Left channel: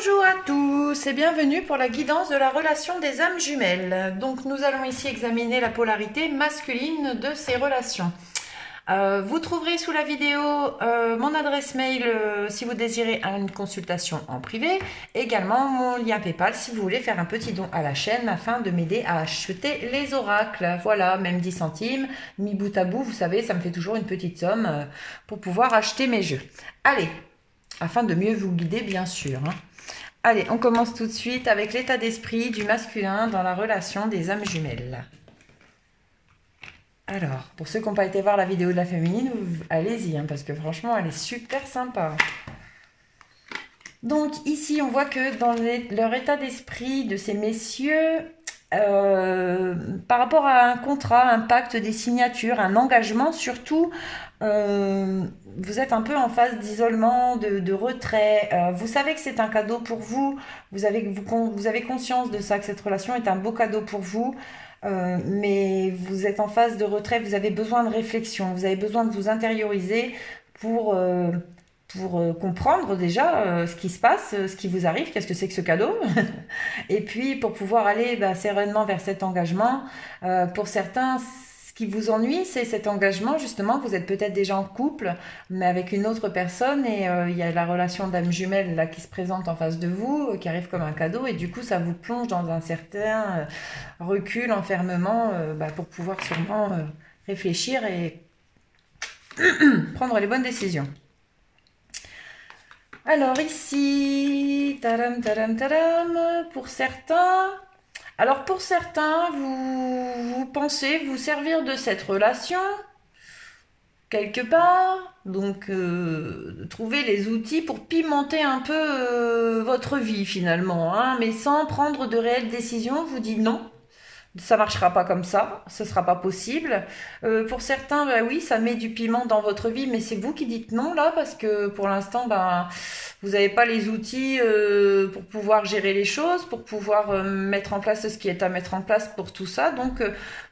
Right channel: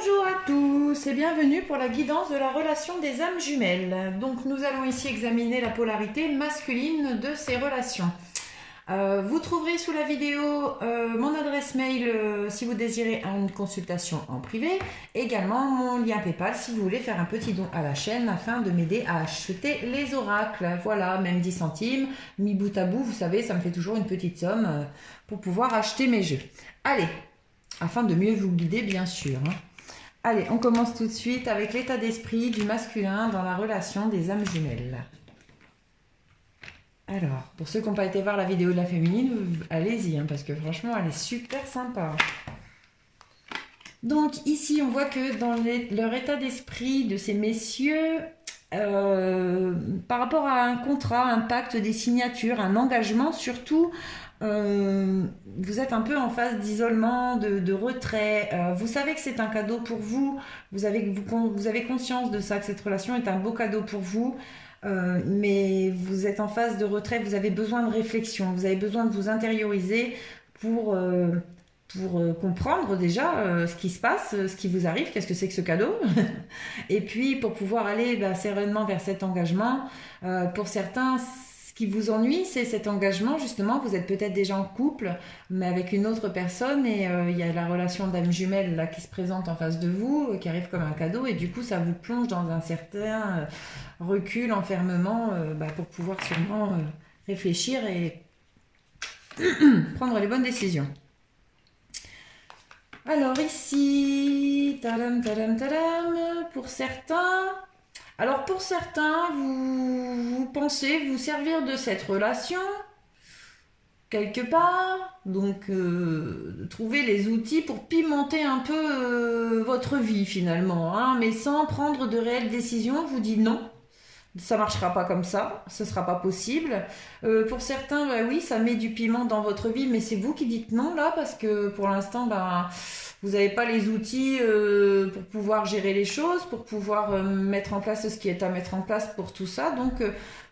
Bonjour à tous et bienvenue pour la guidance de la relation des âmes jumelles. Donc nous allons ici examiner la polarité masculine de ces relations. Vous trouverez sous la vidéo mon adresse mail si vous désirez une consultation en privé, également mon lien PayPal si vous voulez faire un petit don à la chaîne afin de m'aider à acheter les oracles. Voilà, même 10 centimes, mis bout à bout, vous savez, ça me fait toujours une petite somme pour pouvoir acheter mes jeux. Allez, afin de mieux vous guider bien sûr. Allez, on commence tout de suite avec l'état d'esprit du masculin dans la relation des âmes jumelles. Alors, pour ceux qui n'ont pas été voir la vidéo de la féminine, allez-y, parce que franchement, elle est super sympa. Donc ici, on voit que dans leur état d'esprit de ces messieurs, par rapport à un contrat, un pacte, des signatures, un engagement surtout, vous êtes un peu en phase d'isolement, de retrait. Vous savez que c'est un cadeau pour vous. Vous avez conscience de ça, que cette relation est un beau cadeau pour vous. Mais vous êtes en phase de retrait. Vous avez besoin de réflexion. Vous avez besoin de vous intérioriser pour comprendre déjà ce qui se passe, ce qui vous arrive, qu'est-ce que c'est que ce cadeau. Et puis pour pouvoir aller sereinement vers cet engagement. Pour certains, ce qui vous ennuie, c'est cet engagement, justement. Vous êtes peut-être déjà en couple, mais avec une autre personne, et il y a la relation d'âme jumelle là, qui se présente en face de vous, qui arrive comme un cadeau, et du coup, ça vous plonge dans un certain recul, enfermement, pour pouvoir sûrement réfléchir et prendre les bonnes décisions. Alors ici, tadam, tadam, tadam, pour certains... Alors pour certains, vous pensez vous servir de cette relation quelque part, donc trouver les outils pour pimenter un peu votre vie finalement, mais sans prendre de réelles décisions. Vous dites non, ça marchera pas comme ça, ce sera pas possible. Pour certains, oui, ça met du piment dans votre vie, mais c'est vous qui dites non là, parce que pour l'instant, vous n'avez pas les outils pour pouvoir gérer les choses, pour pouvoir mettre en place ce qui est à mettre en place pour tout ça. Donc,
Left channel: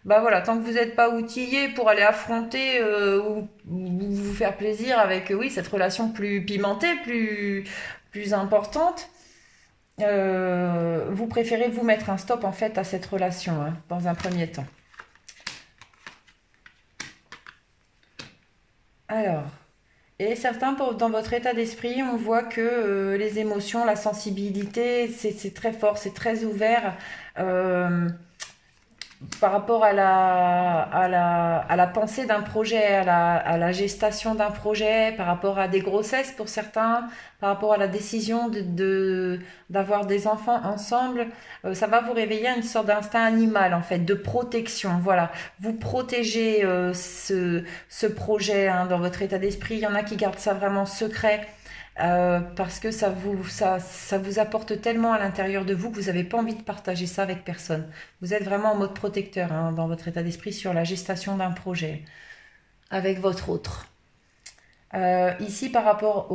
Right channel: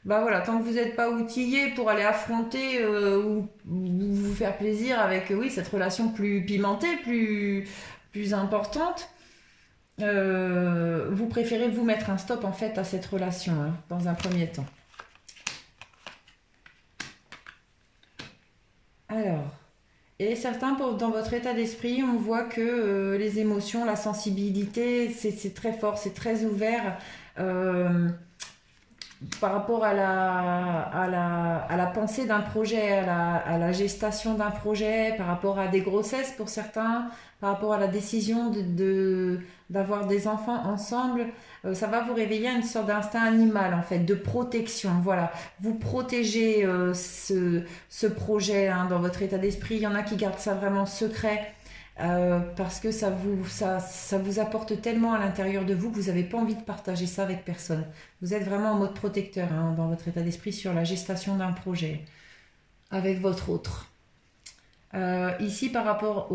voilà, tant que vous n'êtes pas outillé pour aller affronter ou vous faire plaisir avec, oui, cette relation plus pimentée, plus importante, vous préférez vous mettre un stop en fait à cette relation dans un premier temps. Alors... Et certains, dans votre état d'esprit, on voit que les émotions, la sensibilité, c'est très fort, c'est très ouvert par rapport à la pensée d'un projet, à la gestation d'un projet, par rapport à des grossesses pour certains, par rapport à la décision d'avoir des enfants ensemble. Ça va vous réveiller à une sorte d'instinct animal en fait, de protection. Voilà, vous protégez ce projet dans votre état d'esprit. Il y en a qui gardent ça vraiment secret parce que ça vous apporte tellement à l'intérieur de vous que vous n'avez pas envie de partager ça avec personne. Vous êtes vraiment en mode protecteur dans votre état d'esprit sur la gestation d'un projet avec votre autre. Ici par rapport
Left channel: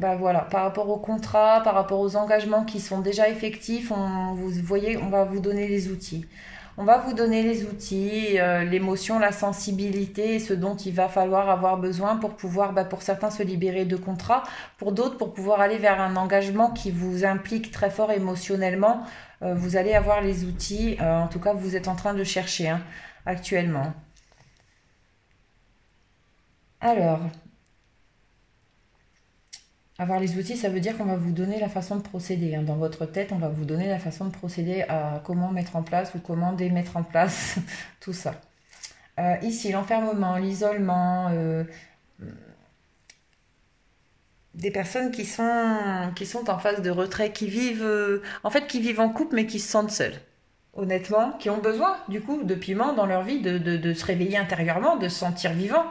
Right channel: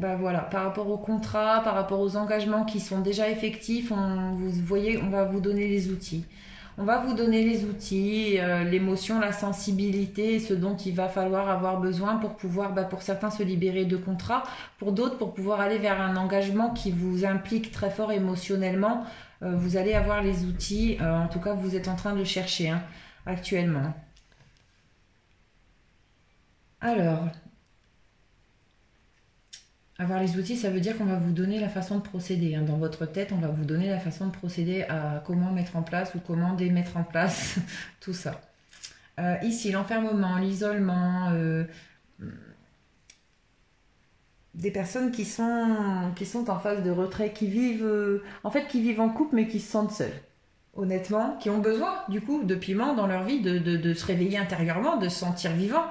par rapport au contrat, par rapport aux engagements qui sont déjà effectifs, vous voyez, on va vous donner les outils. On va vous donner les outils, l'émotion, la sensibilité, ce dont il va falloir avoir besoin pour pouvoir, pour certains, se libérer de contrats, pour d'autres, pour pouvoir aller vers un engagement qui vous implique très fort émotionnellement. Vous allez avoir les outils, en tout cas, vous êtes en train de chercher actuellement. Alors... Avoir les outils, ça veut dire qu'on va vous donner la façon de procéder. Dans votre tête, on va vous donner la façon de procéder à comment mettre en place ou comment démettre en place tout ça. Ici, l'enfermement, l'isolement, des personnes qui sont en phase de retrait, qui vivent en couple mais qui se sentent seules. Honnêtement, qui ont besoin du coup de piment dans leur vie, de se réveiller intérieurement, de se sentir vivant.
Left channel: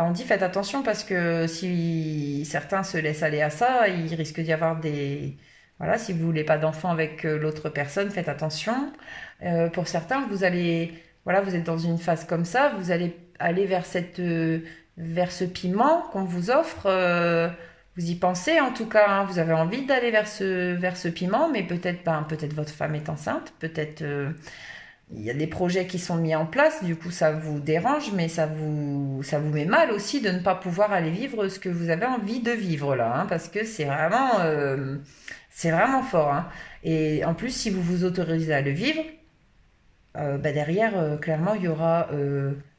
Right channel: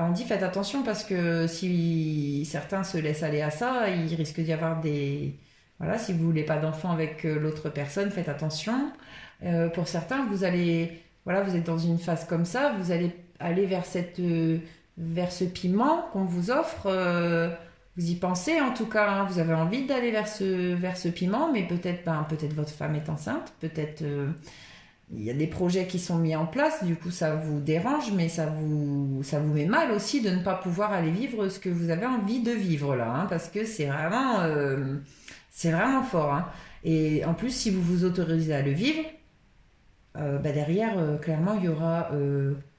On dit faites attention parce que si certains se laissent aller à ça, il risque d'y avoir des... Voilà, si vous voulez pas d'enfant avec l'autre personne, faites attention. Pour certains, vous êtes dans une phase comme ça, vous allez aller vers ce piment qu'on vous offre. Vous y pensez en tout cas, vous avez envie d'aller vers ce piment, mais peut-être votre femme est enceinte, peut-être il y a des projets qui sont mis en place, du coup ça vous dérange, mais ça vous met mal aussi de ne pas pouvoir aller vivre ce que vous avez envie de vivre là, hein, parce que c'est vraiment fort. Hein. Et en plus, si vous vous autorisez à le vivre, derrière, clairement, il y aura,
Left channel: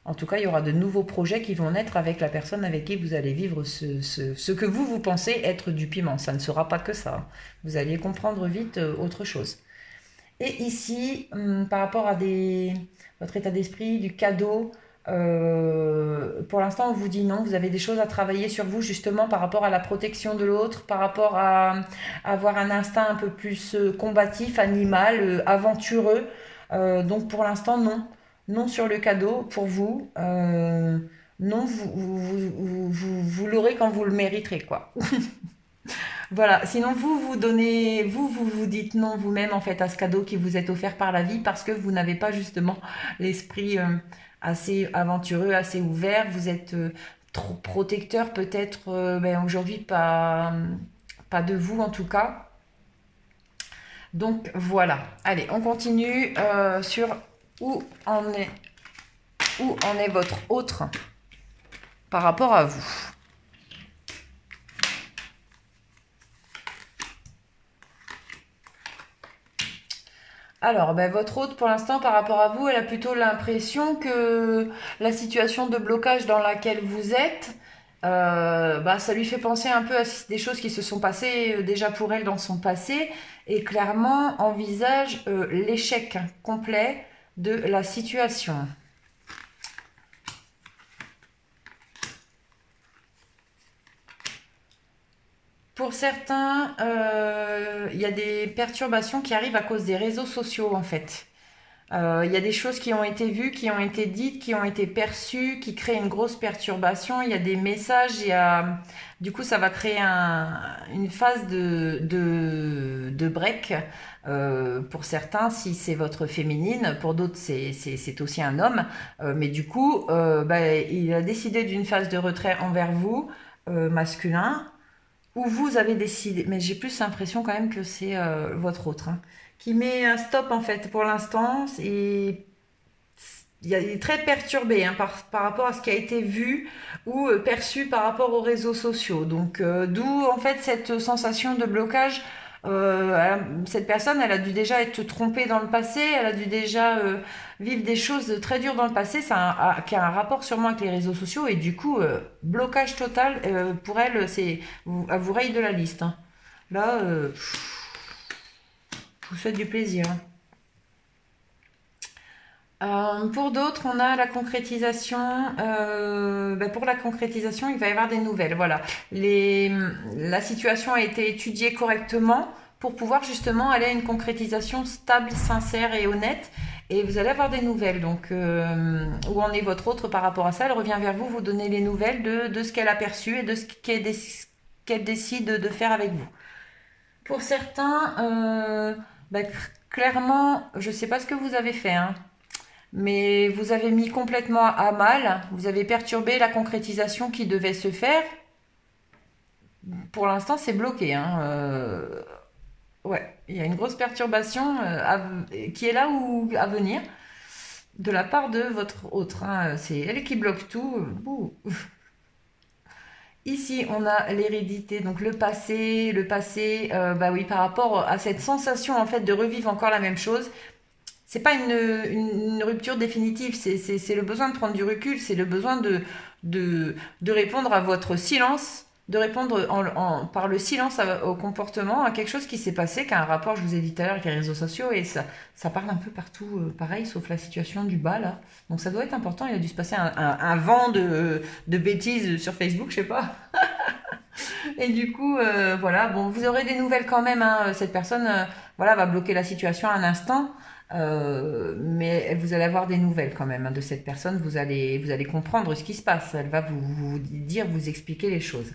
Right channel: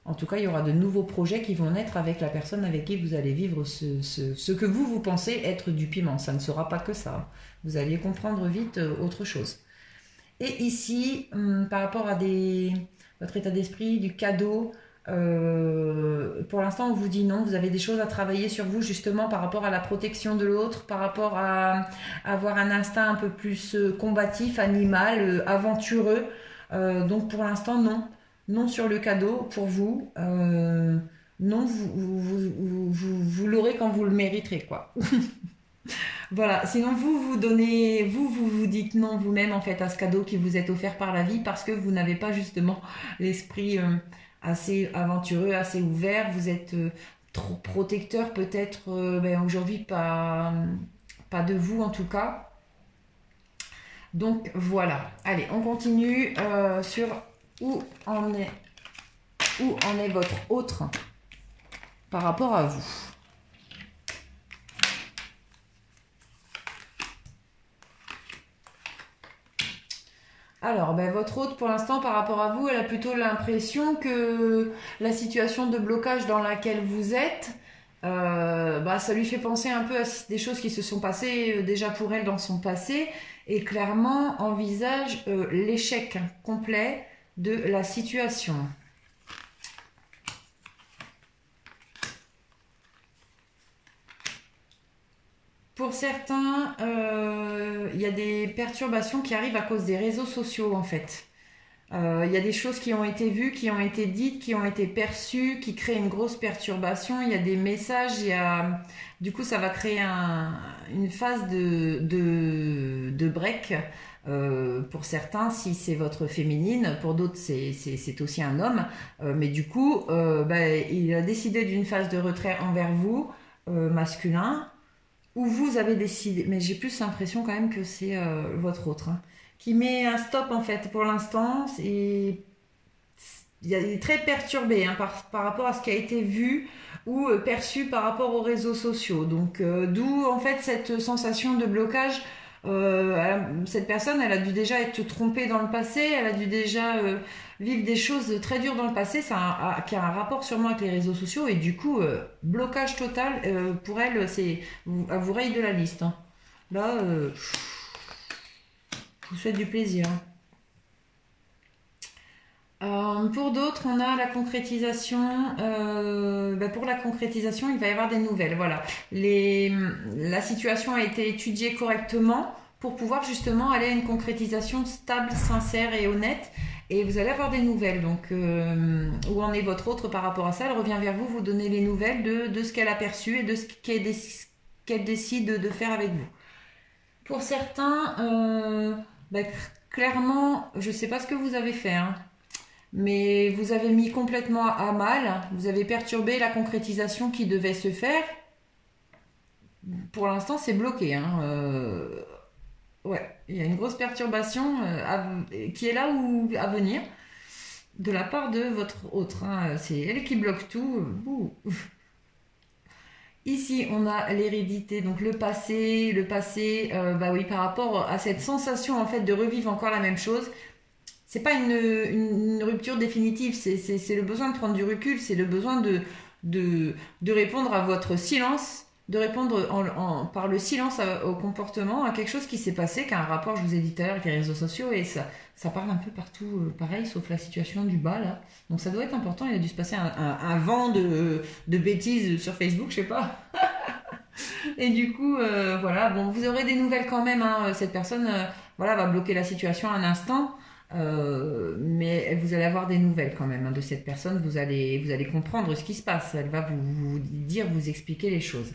en tout cas, il y aura de nouveaux projets qui vont naître avec la personne avec qui vous allez vivre ce que vous pensez être du piment. Ça ne sera pas que ça. Vous allez comprendre vite autre chose. Et ici, par rapport à votre état d'esprit, du cadeau, pour l'instant, on vous dit non. Vous avez des choses à travailler sur vous, justement, par rapport à la protection de l'autre, par rapport à avoir un instinct un peu plus combatif, animal, aventureux. Donc, pour l'instant, non. Non sur le cadeau, pour vous. Non, vous l'aurez quand vous le mériterez, quoi. Voilà, sinon vous dites non vous-même en fait à ce cadeau qui vous est offert par la vie parce que vous n'avez pas justement l'esprit assez aventureux, assez ouvert, vous êtes trop protecteur peut-être aujourd'hui pas de vous en tout cas. Donc voilà, allez on continue sur où en est votre autre par rapport à vous. Alors, votre hôte, pour l'instant, par rapport à vous, elle a plutôt l'impression que la situation de blocage dans laquelle vous êtes, ça lui fait penser un peu à des choses qui se sont passées déjà pour elle dans son passé, et clairement envisage l'échec complet de la situation. Pour certains, il y a des perturbations qui arrivent à cause des réseaux sociaux en fait. Il y a des choses qui ont été vues, qui ont été dites, qui ont été perçues, qui créent une grosse perturbation. Il y a des messages, du coup ça va créer une phase de break. Pour certains, si c'est votre féminine, pour d'autres c'est aussi un homme. Mais du coup, il a décidé d'une phase de retrait envers vous, masculin. Où vous avez décidé, mais j'ai plus l'impression quand même que c'est votre autre, hein, qui met un stop en fait pour l'instant. Et il est très perturbé hein, par rapport à ce qui a été vu ou perçu par rapport aux réseaux sociaux. Donc d'où en fait cette sensation de blocage. Cette personne, elle a dû déjà être trompée dans le passé, elle a dû déjà vivre des choses très dures dans le passé, qui a un rapport sûrement avec les réseaux sociaux et du coup, blocage total pour elle, elle vous raye de la liste. Hein. Là, je vous souhaite du plaisir. Pour d'autres, on a la concrétisation. Pour la concrétisation, il va y avoir des nouvelles. Voilà. La situation a été étudiée correctement pour pouvoir justement aller à une concrétisation stable, sincère et honnête. Et vous allez avoir des nouvelles. Donc, où en est votre autre par rapport à ça? Elle revient vers vous, vous donnez les nouvelles de ce qu'elle a perçu et de ce qu'elle décide de faire avec vous. Pour certains, clairement, je ne sais pas ce que vous avez fait, hein. Mais vous avez mis complètement à mal, vous avez perturbé la concrétisation qui devait se faire. Pour l'instant, c'est bloqué. Hein. Ouais, il y a une grosse perturbation qui est là ou à venir de la part de votre autre. Hein. C'est elle qui bloque tout. Ici, on a l'hérédité, donc le passé, oui, par rapport à cette sensation en fait de revivre encore la même chose. C'est pas une rupture définitive, c'est le besoin de prendre du recul, c'est le besoin de répondre à votre silence, de répondre par le silence au comportement, à quelque chose qui s'est passé, qui a un rapport, je vous ai dit tout à l'heure, avec les réseaux sociaux, et ça parle un peu partout, pareil, sauf la situation du bas, là. Donc ça doit être important, il a dû se passer un vent de bêtises sur Facebook, je sais pas. Et du coup, voilà, bon, vous aurez des nouvelles quand même, hein, cette personne, va bloquer la situation un instant. Mais vous allez avoir des nouvelles quand même hein, de cette personne, vous allez comprendre ce qui se passe, elle va vous expliquer les choses.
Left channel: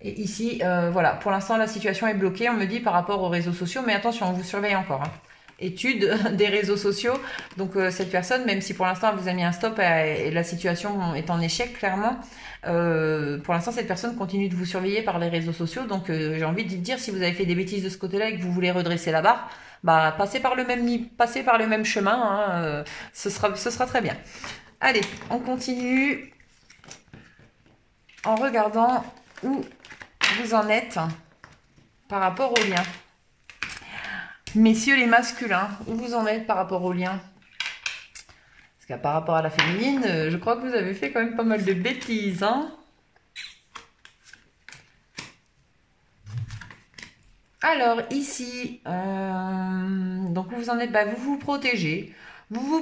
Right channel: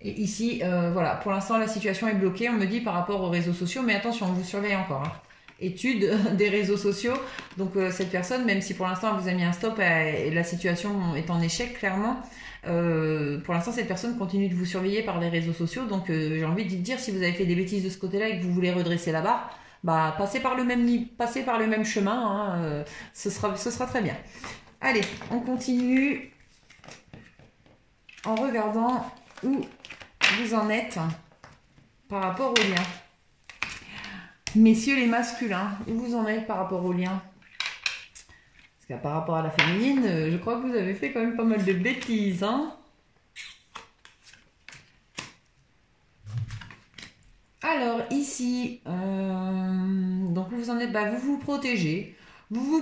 Et ici, voilà, pour l'instant la situation est bloquée, on me dit par rapport aux réseaux sociaux, mais attention, on vous surveille encore. Hein. Étude des réseaux sociaux, donc cette personne, même si pour l'instant elle vous a mis un stop et la situation est en échec clairement, pour l'instant cette personne continue de vous surveiller par les réseaux sociaux, donc j'ai envie de dire si vous avez fait des bêtises de ce côté-là et que vous voulez redresser la barre, bah, passez par le même chemin, hein, ce sera très bien. Allez, on continue en regardant où vous en êtes par rapport au lien. Messieurs les masculins, où vous en êtes par rapport au lien? Parce que par rapport à la féminine, je crois que vous avez fait quand même pas mal de bêtises, hein. Alors ici, donc vous en êtes, bah, vous vous protégez.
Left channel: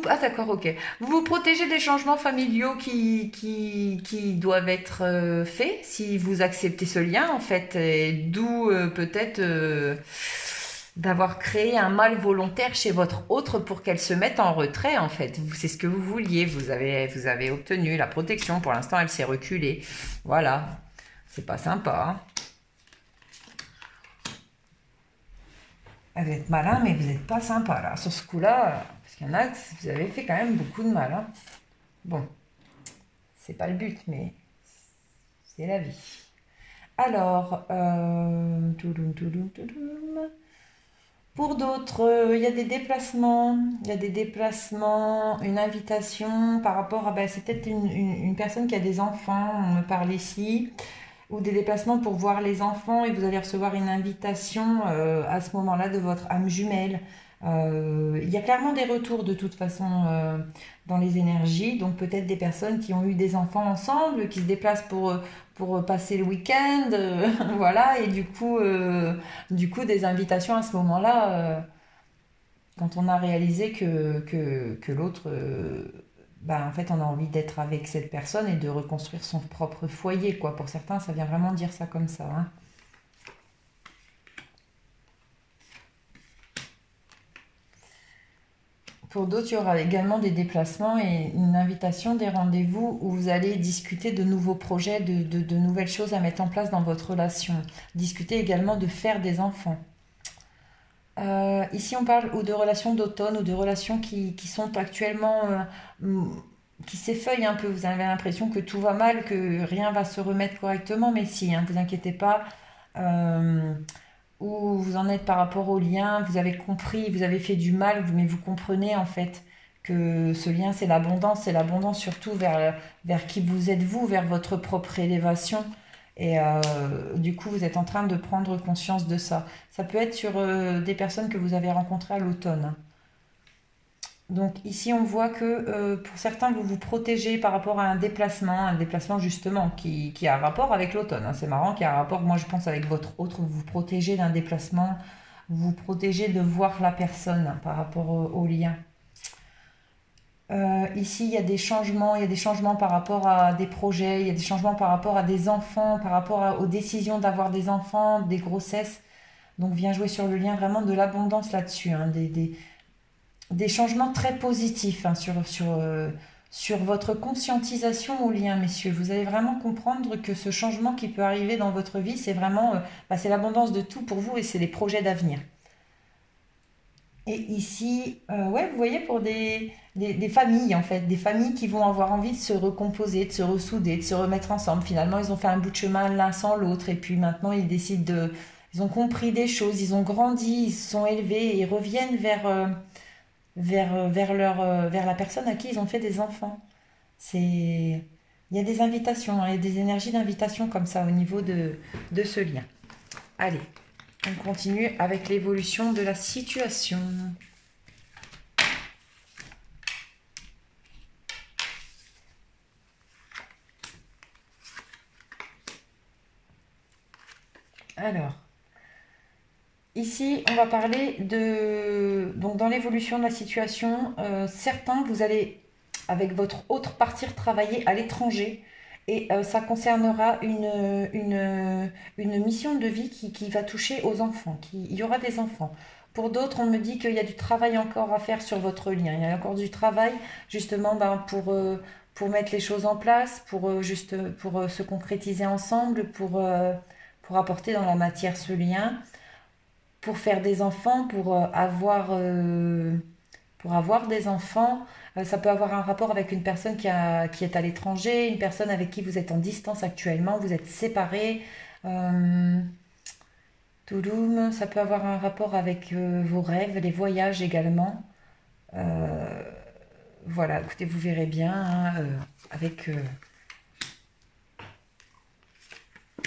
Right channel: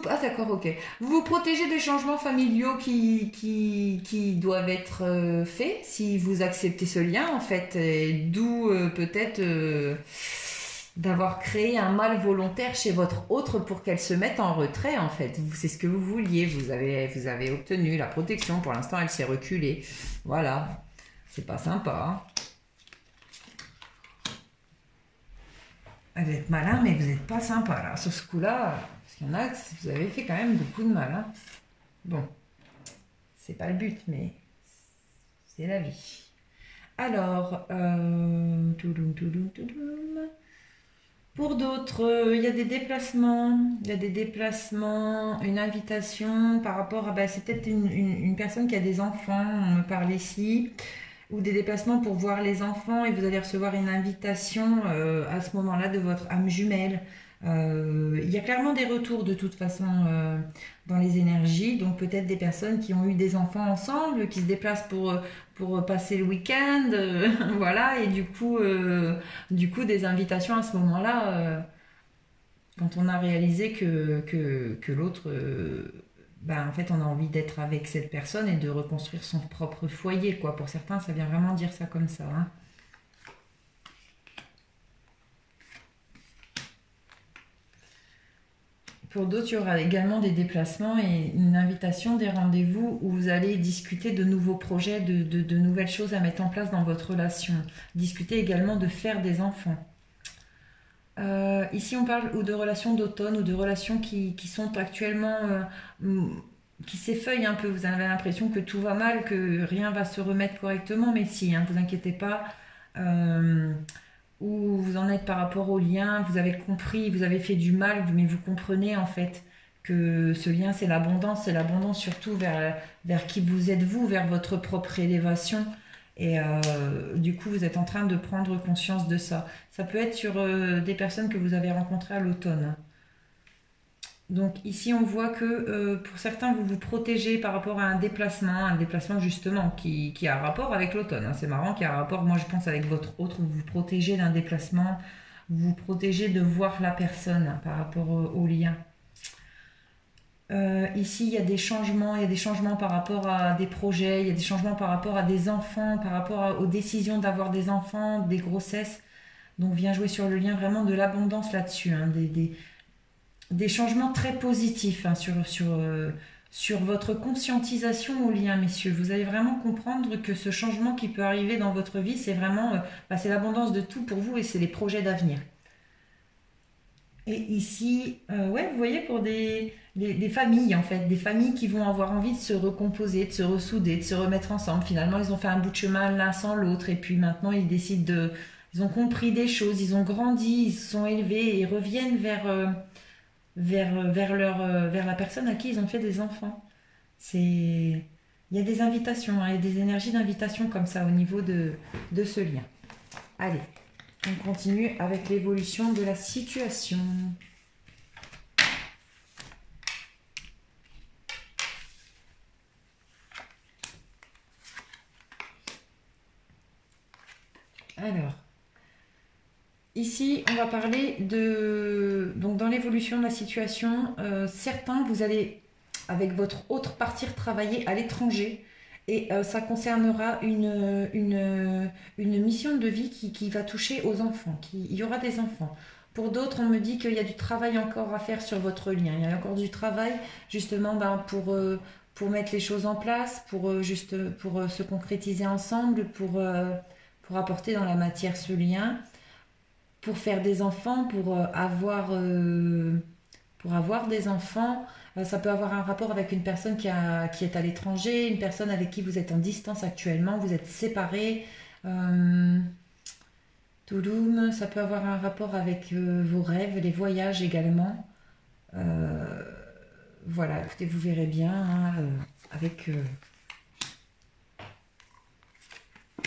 Ah d'accord, ok. Vous vous protégez des changements familiaux qui doivent être faits si vous acceptez ce lien en fait. D'où peut-être d'avoir créé un mal volontaire chez votre autre pour qu'elle se mette en retrait en fait. C'est ce que vous vouliez. Vous avez obtenu la protection. Pour l'instant, elle s'est reculée. Voilà. C'est pas sympa, hein. Vous êtes malin, mais vous n'êtes pas sympa là. Sur ce coup-là, parce qu'il y en a que vous avez fait quand même beaucoup de mal, hein. Bon, c'est pas le but, mais c'est la vie. Alors, pour d'autres, il y a des déplacements. Il y a des déplacements, une invitation par rapport à... Bah, c'est peut-être une personne qui a des enfants, on me parle ici. Ou des déplacements pour voir les enfants et vous allez recevoir une invitation à ce moment-là de votre âme jumelle. Il y a clairement des retours de toute façon dans les énergies, donc peut-être des personnes qui ont eu des enfants ensemble, qui se déplacent pour passer le week-end, voilà, et du coup des invitations à ce moment-là, quand on a réalisé que l'autre... bah, en fait, on a envie d'être avec cette personne et de reconstruire son propre foyer, quoi. Pour certains, ça vient vraiment dire ça comme ça, hein. Pour d'autres, il y aura également des déplacements et une invitation, des rendez-vous où vous allez discuter de nouveaux projets, de nouvelles choses à mettre en place dans votre relation. Discuter également de faire des enfants. Ici, on parle ou de relations d'automne ou de relations qui sont actuellement... qui s'effeuillent un peu. Vous avez l'impression que tout va mal, que rien va se remettre correctement, mais si, hein, vous inquiétez pas. Où vous en êtes par rapport au lien, vous avez compris, vous avez fait du mal, mais vous comprenez en fait que ce lien c'est l'abondance surtout vers qui vous êtes vous, vers votre propre élévation. Et du coup, vous êtes en train de prendre conscience de ça. Ça peut être sur des personnes que vous avez rencontrées à l'automne. Donc ici, on voit que pour certains, vous vous protégez par rapport à un déplacement justement qui a un rapport avec l'automne, hein. C'est marrant qu'il y a un rapport, moi je pense, avec votre autre, vous vous protégez d'un déplacement, vous vous protégez de voir la personne, hein, par rapport au lien. Ici, il y a des changements par rapport à des projets, il y a des changements par rapport à des enfants, par rapport aux décisions d'avoir des enfants, des grossesses. Donc, viens jouer sur le lien vraiment de l'abondance là-dessus, hein, des changements très positifs, hein, sur votre conscientisation au lien, messieurs. Vous allez vraiment comprendre que ce changement qui peut arriver dans votre vie, c'est vraiment c'est l'abondance de tout pour vous et c'est les projets d'avenir. Et ici, ouais, vous voyez, pour des familles, en fait, des familles qui vont avoir envie de se recomposer, de se ressouder, de se remettre ensemble. Finalement, ils ont fait un bout de chemin l'un sans l'autre, et puis maintenant, ils décident ils ont compris des choses, ils ont grandi, ils se sont élevés, et ils reviennent vers la personne à qui ils ont fait des enfants. Il y a des invitations, hein, il y a des énergies d'invitation comme ça au niveau de ce lien. Allez, on continue avec l'évolution de la situation. Alors, ici, on va parler donc dans l'évolution de la situation, certains, vous allez, avec votre autre, partir travailler à l'étranger. Et ça concernera une mission de vie qui va toucher aux enfants. Il y aura des enfants. Pour d'autres, on me dit qu'il y a du travail encore à faire sur votre lien. Il y a encore du travail, justement, pour mettre les choses en place, pour se concrétiser ensemble, pour apporter dans la matière ce lien, pour faire des enfants, pour avoir des enfants. Ça peut avoir un rapport avec une personne qui est à l'étranger, une personne avec qui vous êtes en distance actuellement, vous êtes séparés. Touloum, ça peut avoir un rapport avec vos rêves, les voyages également. Voilà, écoutez, vous verrez bien hein, avec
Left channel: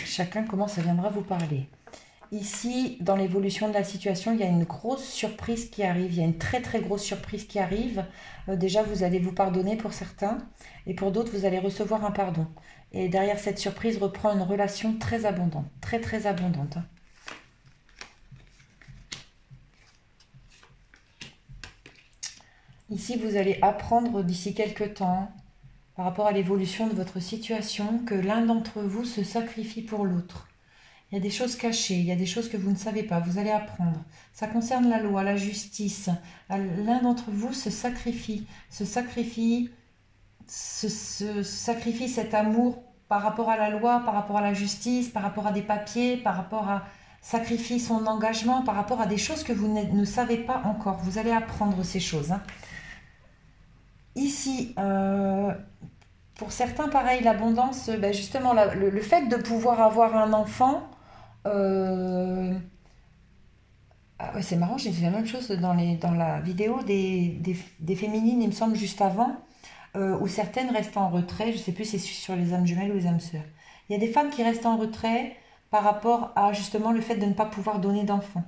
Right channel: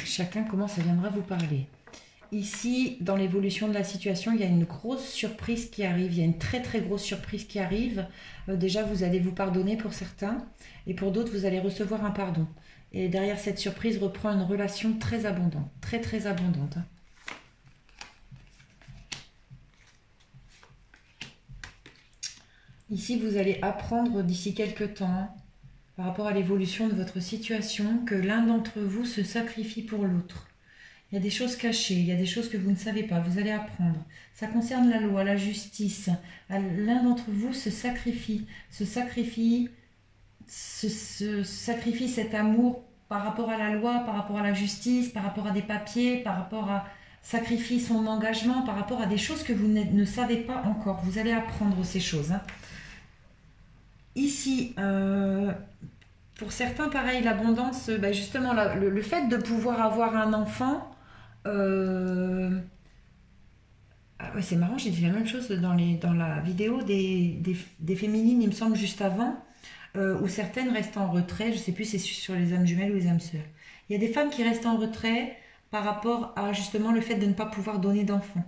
chacun comment ça viendra vous parler. Ici, dans l'évolution de la situation, il y a une grosse surprise qui arrive. Il y a une très très grosse surprise qui arrive. Déjà, vous allez vous pardonner pour certains. Et pour d'autres, vous allez recevoir un pardon. Et derrière cette surprise reprend une relation très abondante. Très très abondante. Ici, vous allez apprendre d'ici quelques temps, par rapport à l'évolution de votre situation, que l'un d'entre vous se sacrifie pour l'autre. Il y a des choses cachées, il y a des choses que vous ne savez pas, vous allez apprendre. Ça concerne la loi, la justice. L'un d'entre vous se sacrifie cet amour par rapport à la loi, par rapport à la justice, par rapport à des papiers, par rapport à sacrifie son engagement, par rapport à des choses que vous ne savez pas encore. Vous allez apprendre ces choses. Hein. Ici, pour certains, pareil, l'abondance, justement, le fait de pouvoir avoir un enfant, ah ouais, c'est marrant, j'ai dit la même chose dans la vidéo des féminines, il me semble, juste avant, où certaines restent en retrait, je ne sais plus si c'est sur les âmes jumelles ou les âmes sœurs. Il y a des femmes qui restent en retrait par rapport à justement le fait de ne pas pouvoir donner d'enfants.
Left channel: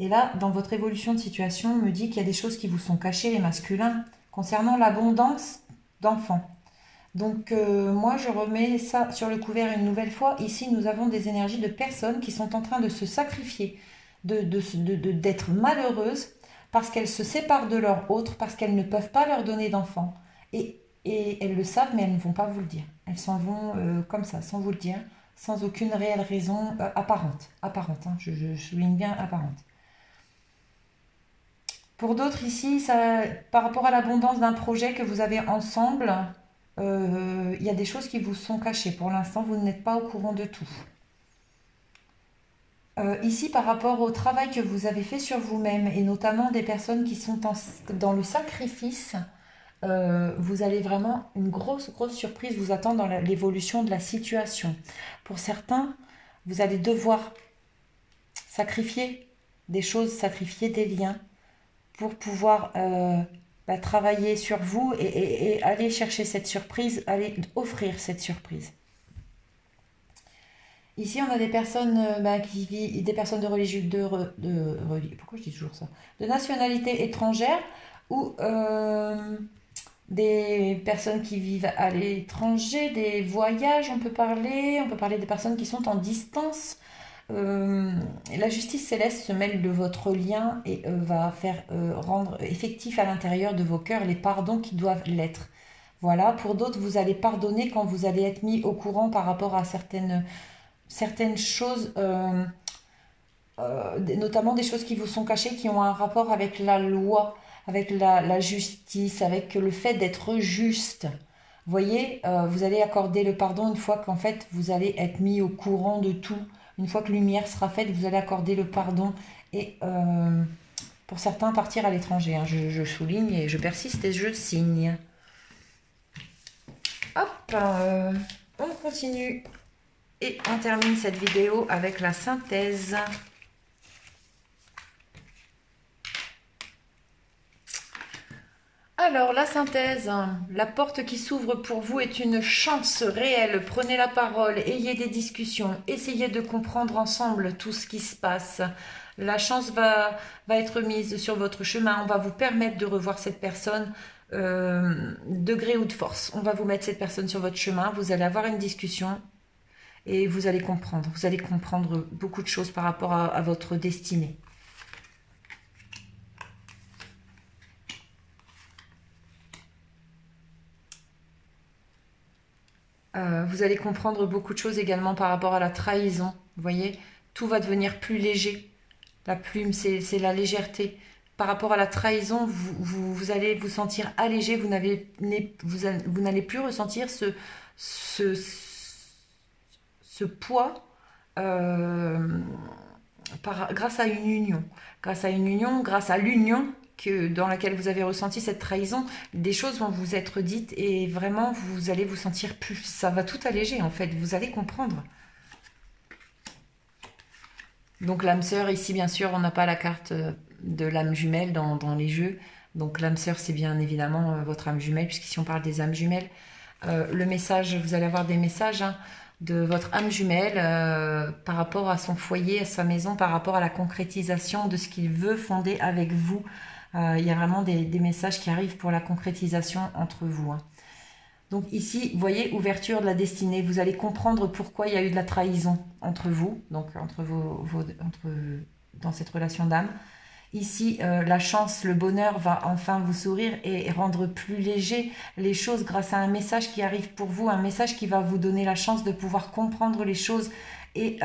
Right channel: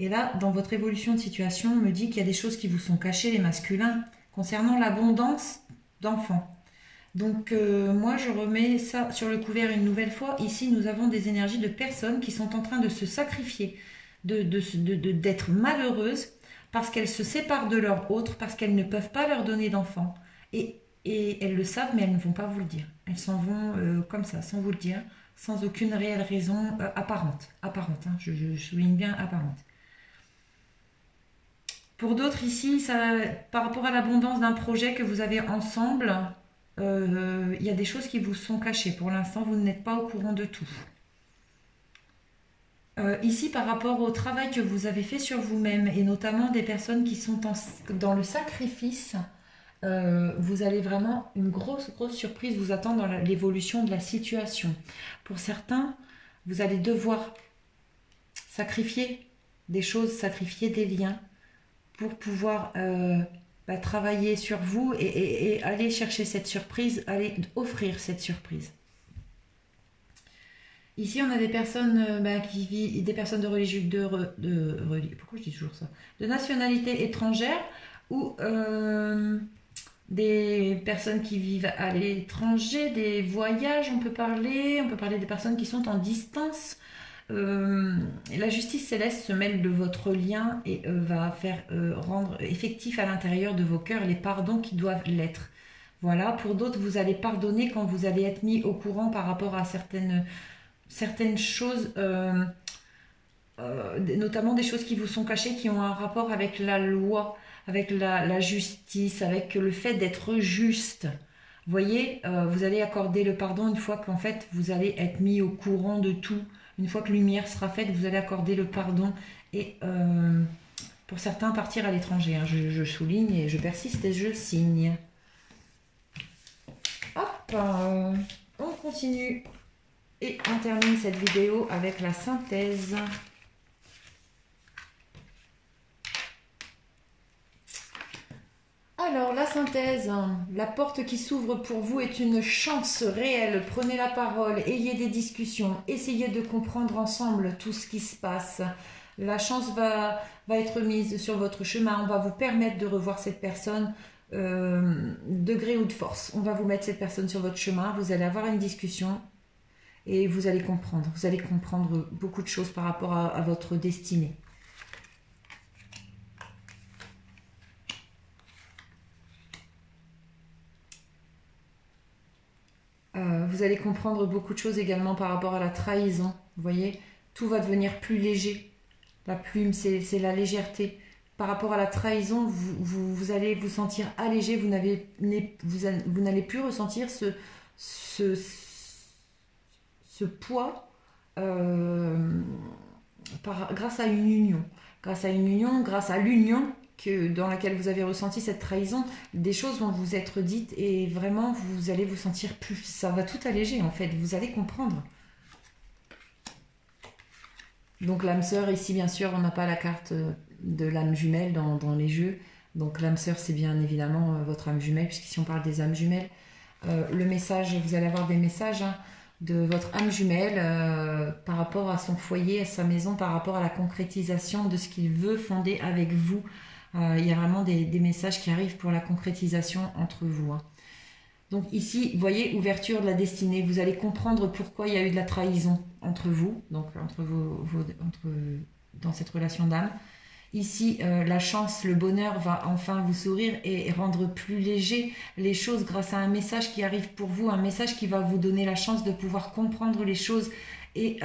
Et là, dans votre évolution de situation, on me dit qu'il y a des choses qui vous sont cachées, les masculins, concernant l'abondance d'enfants. Donc, moi, je remets ça sur le couvert une nouvelle fois. Ici, nous avons des énergies de personnes qui sont en train de se sacrifier, d'être malheureuses parce qu'elles se séparent de leur autre, parce qu'elles ne peuvent pas leur donner d'enfants. Et elles le savent, mais elles ne vont pas vous le dire. Elles s'en vont comme ça, sans vous le dire, sans aucune réelle raison apparente. Apparente, hein, je souligne bien apparente. Pour d'autres ici, ça, par rapport à l'abondance d'un projet que vous avez ensemble, il y a des choses qui vous sont cachées. Pour l'instant, vous n'êtes pas au courant de tout. Ici, par rapport au travail que vous avez fait sur vous-même, et notamment des personnes qui sont dans le sacrifice, vous allez vraiment, une grosse surprise vous attend dans l'évolution de la situation. Pour certains, vous allez devoir sacrifier des choses, sacrifier des liens, pour pouvoir travailler sur vous et aller chercher cette surprise, aller offrir cette surprise. Ici, on a des personnes qui vivent, des personnes de religion, pourquoi je dis toujours ça, de nationalité étrangère ou des personnes qui vivent à l'étranger, des voyages, on peut parler des personnes qui sont en distance. La justice céleste se mêle de votre lien et va faire rendre effectif à l'intérieur de vos cœurs les pardons qui doivent l'être. Voilà, pour d'autres, vous allez pardonner quand vous allez être mis au courant par rapport à certaines choses, notamment des choses qui vous sont cachées, qui ont un rapport avec la loi, avec la justice, avec le fait d'être juste. Vous voyez, vous allez accorder le pardon une fois qu'en fait, vous allez être mis au courant de tout. Une fois que lumière sera faite, vous allez accorder le pardon et pour certains partir à l'étranger. Hein. Je souligne et je persiste et je signe. Hop, on continue et on termine cette vidéo avec la synthèse. Alors, la synthèse, la porte qui s'ouvre pour vous est une chance réelle. Prenez la parole, ayez des discussions, essayez de comprendre ensemble tout ce qui se passe. La chance va être mise sur votre chemin. On va vous permettre de revoir cette personne de gré ou de force. On va vous mettre cette personne sur votre chemin. Vous allez avoir une discussion et vous allez comprendre. Vous allez comprendre beaucoup de choses par rapport à votre destinée. Vous allez comprendre beaucoup de choses également par rapport à la trahison. Vous voyez, tout va devenir plus léger. La plume, c'est la légèreté. Par rapport à la trahison, vous allez vous sentir allégé. Vous n'allez plus ressentir ce poids grâce à une union. Grâce à une union, grâce à l'union dans laquelle vous avez ressenti cette trahison, des choses vont vous être dites et vraiment vous allez vous sentir plus, ça va tout alléger en fait, vous allez comprendre. Donc l'âme sœur, ici bien sûr, on n'a pas la carte de l'âme jumelle dans les jeux. Donc l'âme sœur, c'est bien évidemment votre âme jumelle, puisqu'ici on parle des âmes jumelles. Le message, vous allez avoir des messages hein, de votre âme jumelle par rapport à son foyer, à sa maison, par rapport à la concrétisation de ce qu'il veut fonder avec vous. Il y a vraiment des messages qui arrivent pour la concrétisation entre vous. Hein. Donc ici, vous voyez, ouverture de la destinée. Vous allez comprendre pourquoi il y a eu de la trahison entre vous, donc dans cette relation d'âme. Ici, la chance, le bonheur va enfin vous sourire et rendre plus léger les choses grâce à un message qui arrive pour vous, un message qui va vous donner la chance de pouvoir comprendre les choses et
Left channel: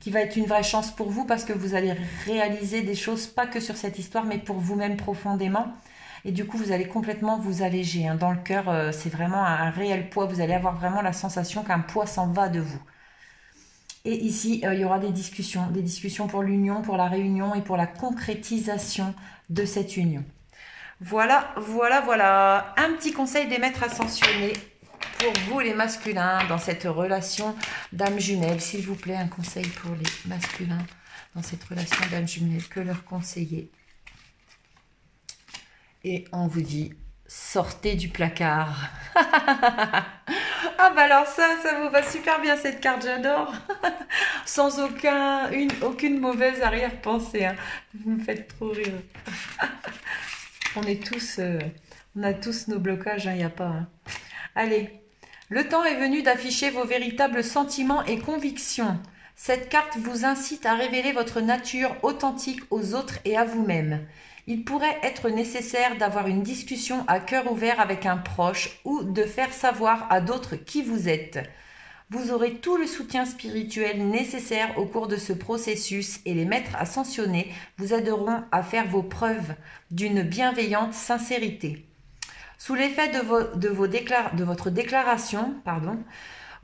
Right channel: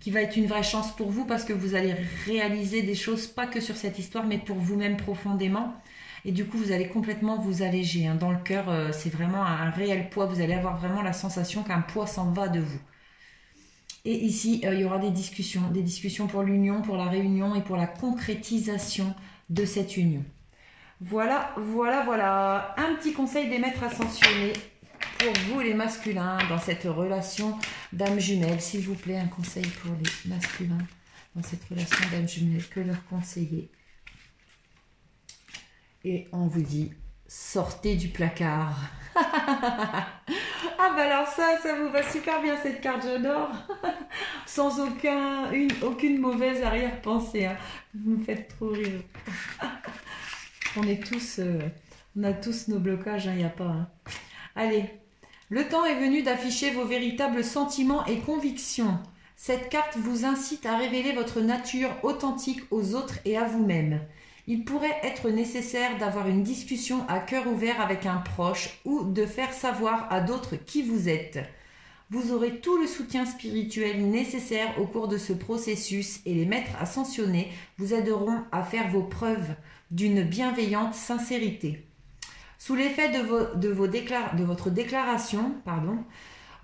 qui va être une vraie chance pour vous parce que vous allez réaliser des choses, pas que sur cette histoire, mais pour vous-même profondément. Et du coup, vous allez complètement vous alléger. Hein. Dans le cœur, c'est vraiment un réel poids. Vous allez avoir vraiment la sensation qu'un poids s'en va de vous. Et ici, il y aura des discussions pour l'union, pour la réunion et pour la concrétisation de cette union. Voilà, voilà, voilà. Un petit conseil des maîtres ascensionnés pour vous les masculins dans cette relation d'âme jumelle. S'il vous plaît, un conseil pour les masculins dans cette relation d'âme jumelle. Que leur conseiller? Et on vous dit, sortez du placard. Ah bah alors ça vous va super bien cette carte, j'adore. Sans aucune mauvaise arrière-pensée. Hein. Vous me faites trop rire. On a tous nos blocages, il n'y a pas. Hein. Allez, le temps est venu d'afficher vos véritables sentiments et convictions. Cette carte vous incite à révéler votre nature authentique aux autres et à vous-même. Il pourrait être nécessaire d'avoir une discussion à cœur ouvert avec un proche ou de faire savoir à d'autres qui vous êtes. Vous aurez tout le soutien spirituel nécessaire au cours de ce processus et les maîtres ascensionnés vous aideront à faire vos preuves d'une bienveillante sincérité. Sous l'effet de votre déclaration,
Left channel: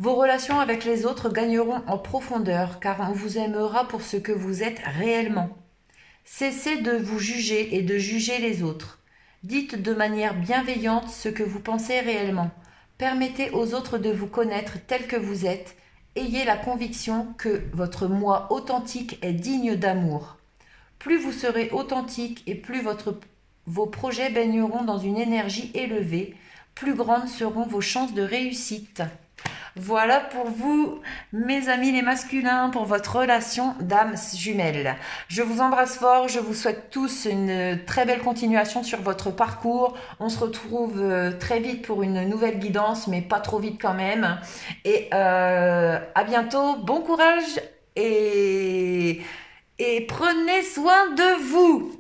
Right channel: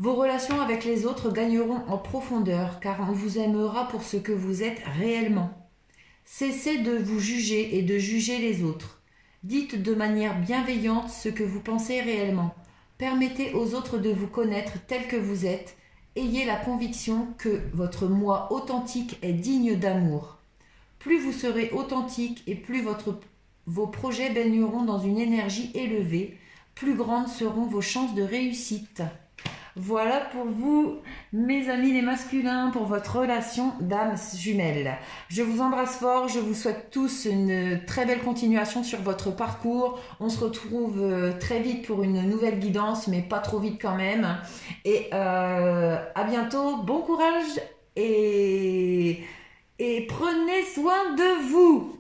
vos relations avec les autres gagneront en profondeur car on vous aimera pour ce que vous êtes réellement. Cessez de vous juger et de juger les autres. Dites de manière bienveillante ce que vous pensez réellement. Permettez aux autres de vous connaître tel que vous êtes. Ayez la conviction que votre moi authentique est digne d'amour. Plus vous serez authentique et plus vos projets baigneront dans une énergie élevée, plus grandes seront vos chances de réussite. Voilà pour vous, mes amis les masculins, pour votre relation d'âme jumelle. Je vous embrasse fort, je vous souhaite tous une très belle continuation sur votre parcours. On se retrouve très vite pour une nouvelle guidance, mais pas trop vite quand même. Et à bientôt, bon courage et prenez soin de vous.